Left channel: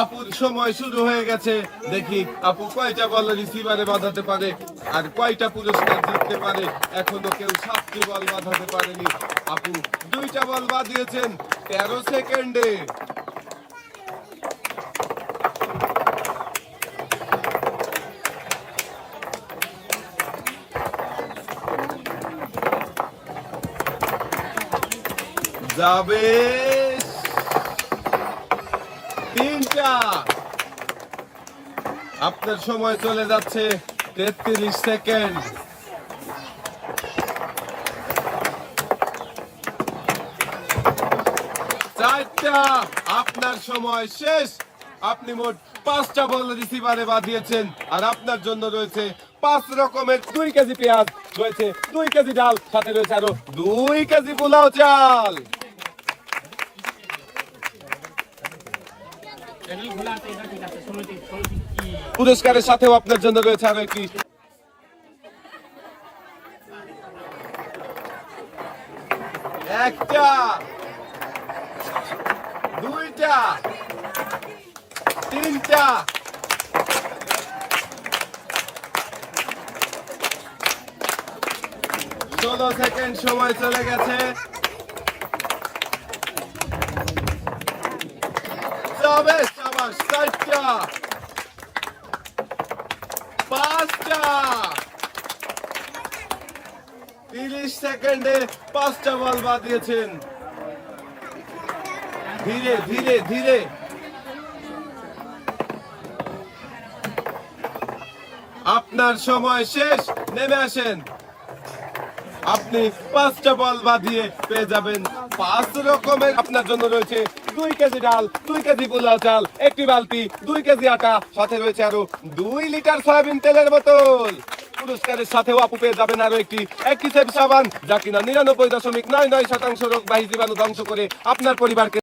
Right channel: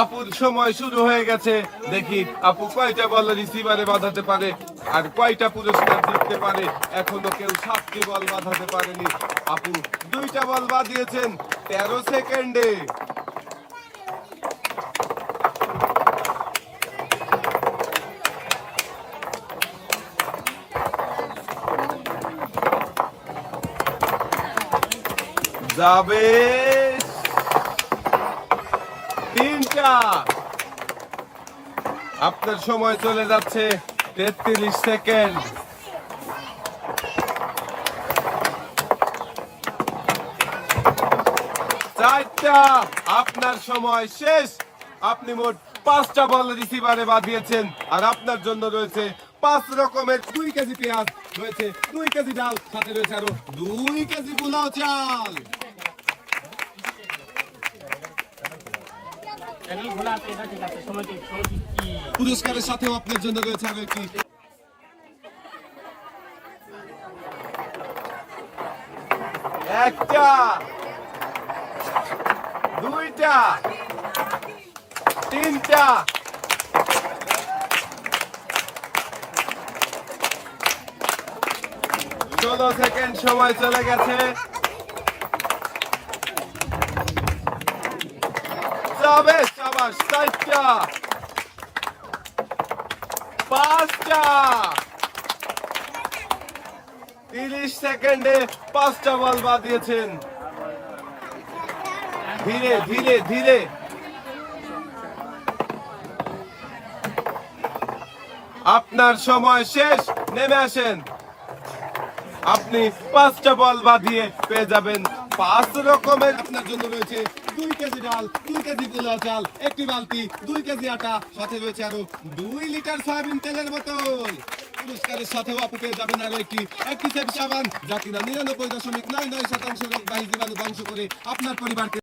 আপুর সময় শুরু হয়ে গেছে। দেখি আপু কয়টা বল রিসিভারে বাঁধাতে পারে আর কয়টা পুরস্কার জিততে পারে। এখনো কেউ 7টি বল বাঁধাতে পারেনি। আপু 2টা বল বাঁধিয়েছেন 13 সেকেন্ডে। যাবে 3টা। আপনার সময় চলে যাচ্ছে 33 সেকেন্ড। 4টা। আপনার সময় শেষ। আপনি মোট 5টা বল রিসিভারে বাঁধিয়েছেন আর আপনার জন্য রয়েছে 5 রকমের 2 কেজি পেঁয়াজ, রয়েছে 2 কেজি ডাল, সাথে রয়েছে আরো 2 কেজি পোলাও চাল। পুরস্কারের সাথেও আপনার জন্য রয়েছে আরো একটি একটা, 2টা, 3টা, 16 সেকেন্ড সময় চলে গেছে। যাবে, সাবাস। 4টা, 5টা, 30 সেকেন্ডে 5টা বল বাঁধিয়েছেন। ধীরে ধীরে ধীরে। আপনার সময় শেষ। নেমে আসেন। আপনি 5টা বল বাঁধিয়ে পেয়ে যাবেন 5 রকমের। আপনার জন্য রয়েছে 2 কেজি ডাল, 2 কেজি পোলাও চাল, একটি বালতি, 2 কেজি আটা, সাথে রয়েছে আরো 2 লিটার সয়াবিন তেলের বোতল। পুরস্কারের সাথেও আপু পেয়ে যাবেন আরো একটি অ্যাক্টিসেপ সাবান, যা কিনা 99.99% রোগবাহী জীবাণু ধ্বংস করে আপনার পরিবারকে